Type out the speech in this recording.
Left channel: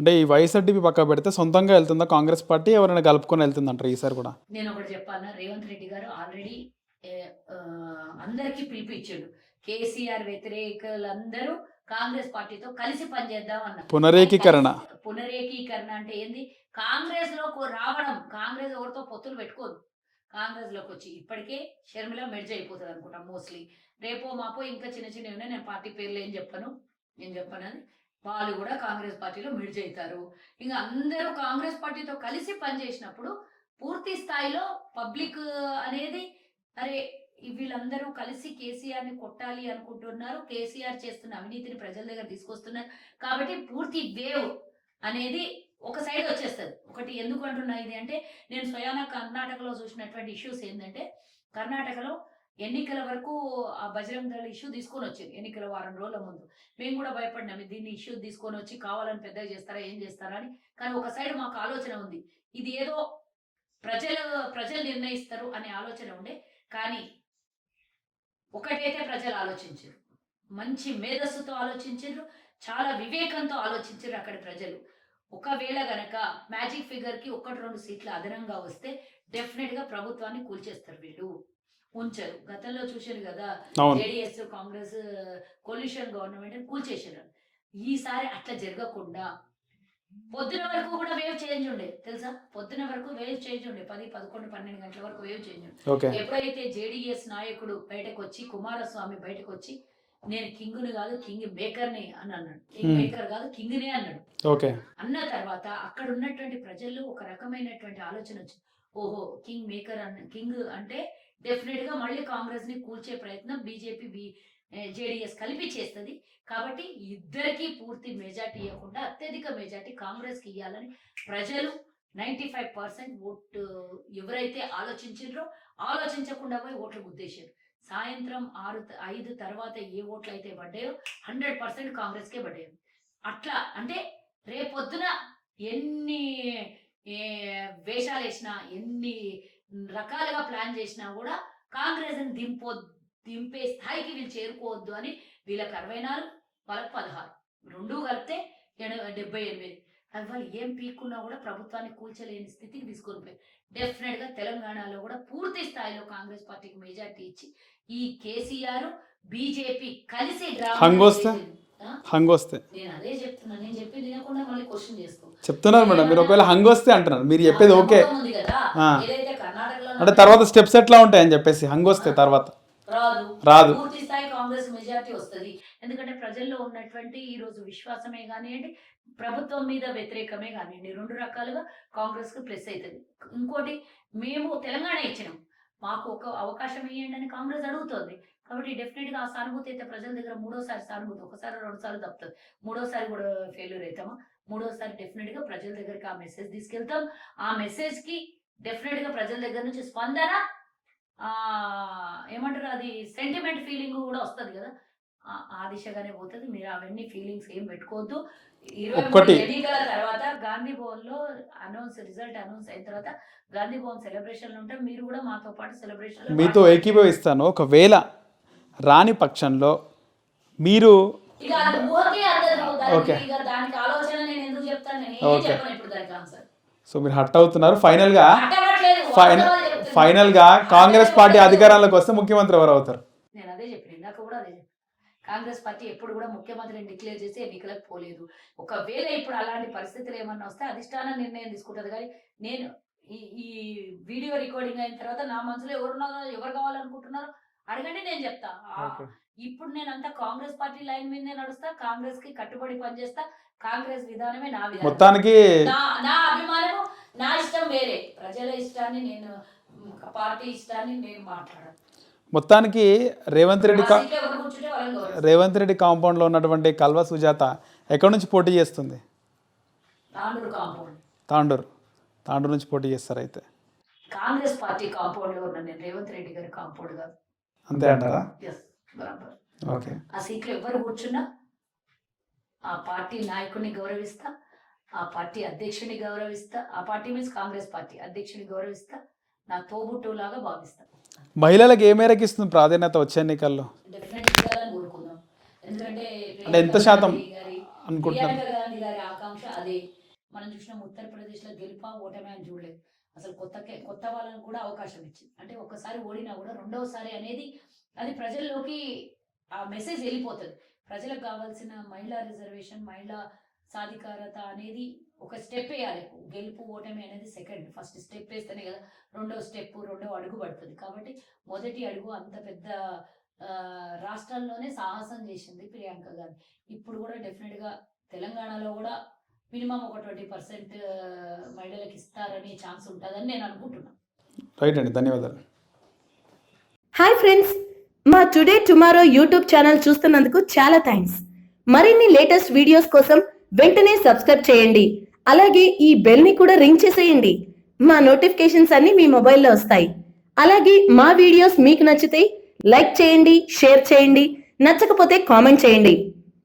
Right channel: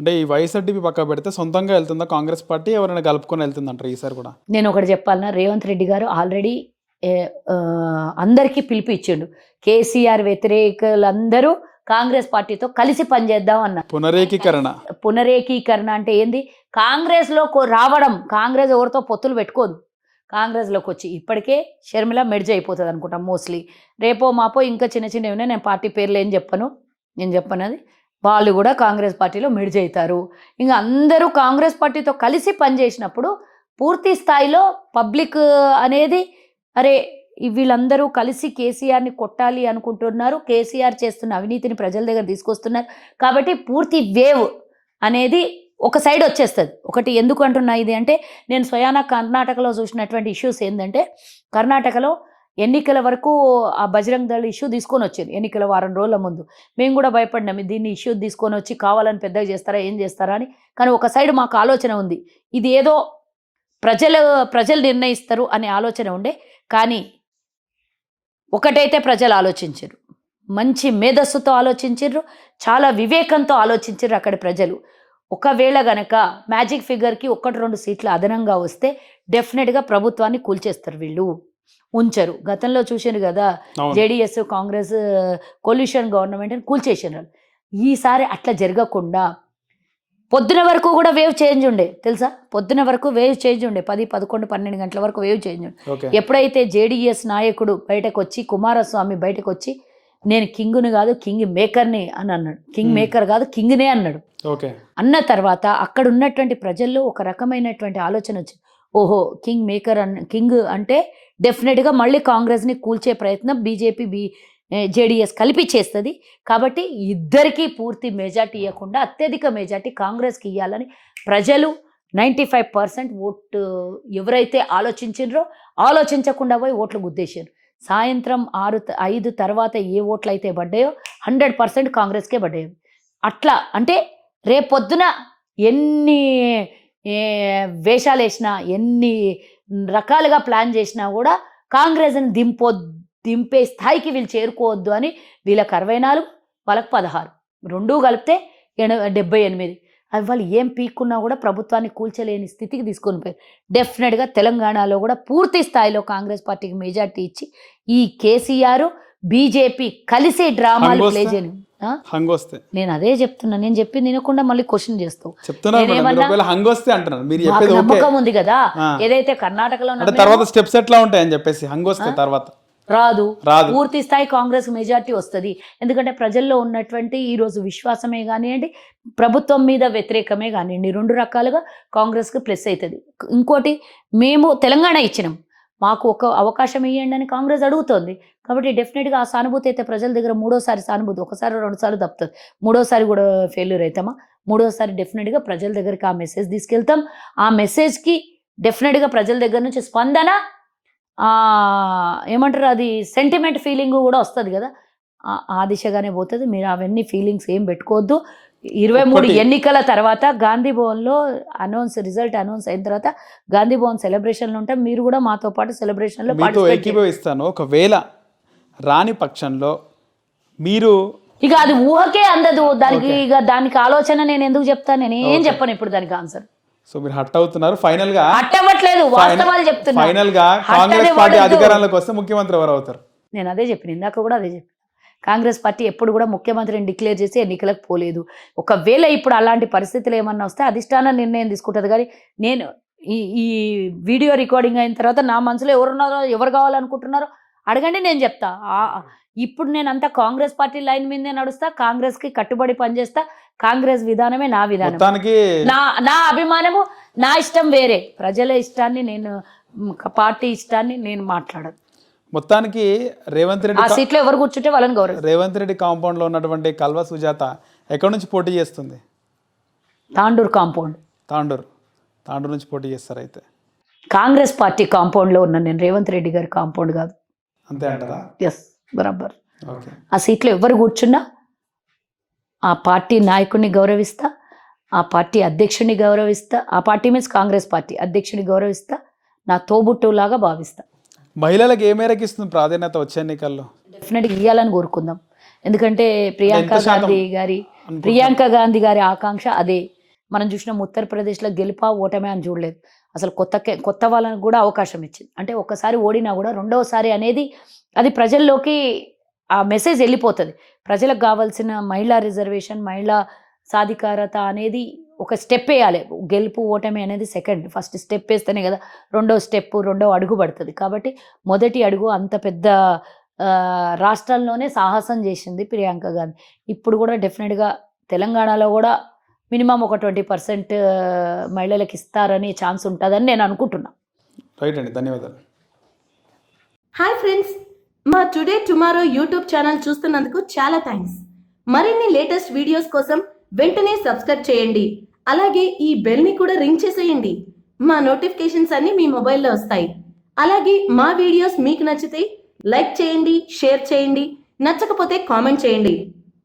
అంటే ఈ వైఎస్ఆర్టీపీ పక్క పెడితే సొంతంగా వెళ్తుందా కాంగ్రెస్ పార్టీ, ఎవరైనా కలుపుకొని వెళ్తుందంటారు ఈసారి కూడా? నేను ఒకటి చెప్పాలన్నా, రేవంత్ రెడ్డి గారు ఆల్రెడీ అందరికీ పిలుపు ఇచ్చిండు. కేసీఆర్ వ్యతిరేకులందరూ కాంగ్రెస్ పార్టీతో కలిసి పనిచేద్దాం అన్నారు. పునరేకీకరణ అంటే ఏంది? కాంగ్రెస్లో రావడం. కాంగ్రెస్ ఎవరితో పొత్తులు పెట్టుకోదు. కాంగ్రెస్లోకి వచ్చి ఇప్పటికే షర్మిల మెర్జ్ అయిపోతుంది అనుకుంటాం మోస్ట్లీ. రేపో మాపో ఇంకా చిన్న చిన్నవి ఉన్నాయి, నేను పార్టీ పేర్లు ఏం చెప్పను, నేను చెప్పనది. వాళ్ళు కూడా కాంగ్రెస్ పార్టీలో మెర్జ్ అవుతారు. ఇంకా అందరూ కాంగ్రెస్ పార్టీతో కలిసి పనిచేసినప్పుడు పూర్తి స్థాయిలో పబ్లిక్ అనేది అరే వీళ్ళందరూ కలిసి కేసీఆర్ని కొట్టాలి అనుకుంటున్నారు, కేసీఆర్ చేస్తున్న అవినీతిని ప్రజల దగ్గర తీసుకొస్తున్నారు కాబట్టి పూర్తి వేవ్ అనేది ఒక సైడ్ వచ్చేస్తుంది. ఒకటి ఎందుకు అంటున్నా ఇది అంటే, నేను స్వయానా కర్ణాటకలో చూసినటువంటి ఇష్యూస్ ఏంటంటే, కర్ణాటకలో ఎన్నికల వరకు ఆ బజరంగ్ దళ్ ఇష్యూ తీసుకొని వచ్చారు. ఎన్నికల వారం రోజుల ముందు మేము కూడా భయపడినాం, దీన్ని ఇష్యూ తీసుకొని వచ్చి కావాలని పెద్దగా చేస్తారా ఏం చేస్తారా అని. కానీ ఒక సైడ్ మాకు ఆలోచన ఉంది, ఇది ఏదో ప్రజలు నిర్ణయిస్తారు అనే ఆలోచన ఉండే. కానీ ఒకటైతే ప్రజలు ఆలోచించారు, మంచి మేధస్సుతో ఆలోచించారు, చాలా వివేకంతో ఆలోచించారు అక్కడి ప్రజలు. ఒకవేళ గనక మ్యాజిక్ ఫిగర్కి 1-2 సీట్లు అదనంగా వస్తే డెఫినెట్గా ప్రభుత్వాన్ని కూల్చేస్తారు వీళ్ళు, ఉంచరు. గతంలో చూసారు కదా, జేడీఎస్ కాంగ్రెస్ కొల్యూషన్ గవర్నమెంట్ అని కూల్చేసారు. ఈసారి అట్లా జరగకుండా పొద్దున వరకు కూడా వేవ్ చేంజ్ ఉండే, తెలుసా? పొద్దున వరకు వేవ్ చేంజ్ ఉండే, 10, 11, 12 గంటల వరకు వేవ్ చేంజ్ ఉండే. ఎప్పుడైతే జేడీఎస్ నాయకుడు బయటకు వచ్చి, కుమారస్వామి బయటకు వచ్చి, నేను కింగ్ని కాదు కింగ్ మేకర్ని అని అన్నాడు. కింగ్ మేకర్ కాదు కింగ్నే అన్నాడు. అన్న తర్వాత అక్కడ ఉన్నటువంటి ప్రజల్లో ఒక రకమైనటువంటి ఆలోచన వచ్చింది, ఓహో కింగ్ మేకర్ కింగ్ అంటే డెఫినెట్గా మళ్ళీ కాంగ్రెస్ని కూల్చే ప్రయత్నం బీజేపీ జేడీఎస్ కలిపి చేస్తుంది కాబట్టి ఇద్దరికీ పూర్తి మెజార్టీ ఇవ్వకుండా అత్యధిక మెజార్టీ కాంగ్రెస్కి ఇవ్వాలని ప్రజలు 95% ఓటు ఎవరైతే ఆలోచించారో ఆలోచించకుండా పోయి ఓట్లు గుద్దేశారు. సాయంత్రం 5 తర్వాత ఏ ఓట్లు అయితే పడ్డాయో 100% కాంగ్రెస్కే పడ్డాయి. అట్లా అంటే రేపొద్దున ఎన్ని వేషాలు వేసినా, ఎన్ని రకాలుగా ప్లాన్ చేసినా కూడా కాంగ్రెస్ని దింపే స్థాయికి వీళ్ళు చేరుకోవద్దు అని వీళ్ళకి 64, వాళ్ళకి 16, రెండూ కలిపితే 78. అవి వాళ్ళు ఏం పీక్కున్నా కూడా ప్రభుత్వాన్ని కూల్చలేని స్థితికి తీసుకొని పోయారు. డెఫినెట్గా తెలంగాణలో కూడా పూర్తి స్థాయిలో కాంగ్రెస్ పార్టీకి మెజార్టీ ఇచ్చి ఈ కేసీఆర్ బీజేపీ కలిసి డ్రామా హంగొస్తే, నేను అదే చెప్తున్నా, నేను చెప్పింది వినకుండా మళ్ళీ క్వశ్చన్ చేస్తావు ఉంది కదా. ఏదైతే కర్ణాటకలో తర్వాత స్టెప్స్ ఎట్లా ఉంటాయని చెప్పేసి హంగొస్తే తర్వాత రాదు, పూర్తి స్థాయి కాంగ్రెస్ మెజార్టీ వస్తుంది. ఎందుకంటే ప్రజల్లో ఉన్నటువంటి ఈరోజు విశ్వాసమే కానివ్వండి, ప్రభుత్వం మీద వ్యతిరేకమే కానివ్వండి, 2 రకాలుగా కాంగ్రెస్కి ప్లస్ అవుతుంది. ఇంకోటి, మేము తెలంగాణ ఇచ్చినాం, మాకు ఒక అవకాశం ఇవ్వండి అని కాంగ్రెస్ అడుగుతోంది. కాబట్టి డెఫినెట్గా ఆ సానుభూతి అయితే ప్రజల దగ్గర మూడోసారి సానుభూతి, 1-2 సార్లు తప్పుతుంది, మూడోసారి కూడా ఫెయిల్యూర్ అవుతామా? మూడోసారి డెఫినెట్గా ప్రజల దగ్గరికి ఆ మెసేజ్ తీసుకెళ్తాం. ఆ మెసేజ్కి డెఫినెట్గా ప్రజల దగ్గర నుంచి స్పందన, ఏమంటారు, అది సెంటిమెంట్ ఫీలింగ్ కూడా వస్తుంది కదా, ఆ దిశగానే పోతుంది. మీరు అవన్నీ ఫీలింగ్స్ ఏం పెట్టుకోవద్దు. 23 ఎన్నికల తర్వాత గాంధీ భవన్లో రిజల్ట్ అనౌన్స్ అయిన తర్వాత గాంధీ భవన్ సెలబ్రేషన్లు ఉంటాం, మీరు కూడా మాతో పాటు సెలబ్రేషన్లో మీతో ఏకీభవిస్తాను. ఒకవేళ రాని పక్షంలో మీరు ఇక అది ఊహకే అందదు దానికి, ఇక దానికి ఆలోచన నేను ఎందుకు చెప్తాను, నేను ఏం చెప్పను ఇప్పుడు దానికి ఆన్సర్. సో మీరు హట్ అవుతున్నారు. ఫైనల్ గా కాంగ్రెస్ పార్టీ అధికారంలోకి వస్తే ముఖ్యమంత్రి ఎవరు అవుతారు? నేను అదే చెప్పిన, ఇందాక కూడా అదే చెప్పిన. కాంగ్రెస్ పార్టీ ఎప్పుడు కూడా ముఖ్యమంత్రిని డిక్లేర్ చేసి ఎన్నికలకు పోలేదు. ఒకవేళ ఇప్పుడు అలాంటి పరిస్థితులు ఏమన్నా వస్తే అధిష్టానం నిర్ణయం తీసుకుంటుంది. కానీ నేను ఈ వీడియో రికార్డింగ్ అయిన తర్వాత నా మనసులో ఎవరున్నారో, ఎవరు కావాలనుకుంటున్నారో అడగండి, నేను చెప్తా. ఇప్పుడు నేను అంతా కాంగ్రెస్ పార్టీ లైన్ మీదే నడుస్తా, కాంగ్రెస్కి కట్టుబడి పనిచేస్తా, కాంగ్రెస్ విధానమే నా విధానం, నా అభిమానము, నా ఇష్టం వేరే. ప్రజల ఇష్టాన్ని నేను, పార్టీ ఇష్టాన్ని నేను మాట్లాడను. మొత్తానికి రేవంత్ రెడ్డి సీట్లో ఎవరు కూర్చుంటే వాళ్ళని గౌరవం. రేవంత్ రెడ్డి కాంపౌండ్లో ఉన్నటువంటి కల్వ సుజాత ఎక్కడి నుంచి పోటీ చేస్తుంది? తాండూరు కాంపౌండ్. తాండూరు నుంచి పోటీ చేస్తారు. అయితే కాంగ్రెస్ పార్టీ కాంపౌండ్లో ఉన్నాను నేను, రేవంత్ రెడ్డి గారి కాంపౌండ్ కాదు. అంతే అంటారా? ఎస్, బరాబర్. ఆ సీట్లో ఎవరు కూర్చున్నా ఆ పార్టీ నాయకుడిని గౌరవిస్తా, ఆ పార్టీ అధ్యక్షుడిని గౌరవిస్తా, ఆ పార్టీ మీన్స్ కాంగ్రెస్ పార్టీ అధ్యక్షుడిని గౌరవిస్తా, నా తోబుట్టులాగా భావిస్తా. మహిళలకు ఏ మేరకు ఇస్తుంది ప్రాధాన్యత వచ్చే ఎన్నికల్లో? డెఫినెట్గా ఇవ్వాలని కోరుకుందాం. ఎందుకంటే ప్రియాంక గాంధీ గారి ఆకాంక్ష అదే. మనం చూసినాం ఉత్తరప్రదేశ్లో గెలుపా ఓటమే అని చూడలేదు. అసలు కొత్త వాళ్ళని కూడా అవకాశం ఇచ్చింది. అంటే ఒక్కసారి ఓడినా కూడా రెండవసారి అనేది అది ప్రజల్లోకి ఆ మెసేజ్ వెళ్ళిపోతుంది. ప్రజలకు కావాల్సిన మహిళా రిజర్వేషన్, మహిళా సాధికారత అనేది ఒక స్టెప్ వేయాలి. గెలుపు ఓటమి అనేది సెకండ్. ఫస్ట్ స్టెప్ వేస్తేనే కదా రెండో అడుగు పడుతుంది. కాబట్టి మొదటి అడుగు అంత పెద్ద రాష్ట్రాల్లోనే సాహసం చేసింది ప్రియాంక గాంధీ. ఇప్పుడు కూడా డెఫినెట్గా తెలంగాణలో కూడా మినిమం ఒక 20% మహిళలకు ఇస్తారని ఛాన్స్ ఉంటుందని నేను అనుకుంటున్నా. రైట్ అండి, ధన్యవాదాలు. హాయ్ ఫ్రెండ్స్, మా టుడే టుమారో యూట్యూబ్ ఛానల్ చూస్తున్నందుకు చాలా థ్యాంక్స్. మరిన్ని లేటెస్ట్ వీడియోస్ కోసం వెంటనే సబ్స్క్రైబ్ చేయండి. అలాగే ఈ బెల్ని కూడా రింగ్ చేసేయండి. మా నోటిఫికేషన్స్ అన్ని మీ మొబైల్లో వస్తాయి. అలాగే మా వీడియోస్ మీకు నచ్చితే లైక్ చేయండి, షేర్ చేయండి, నచ్చకపోతే కామెంట్ చేయండి.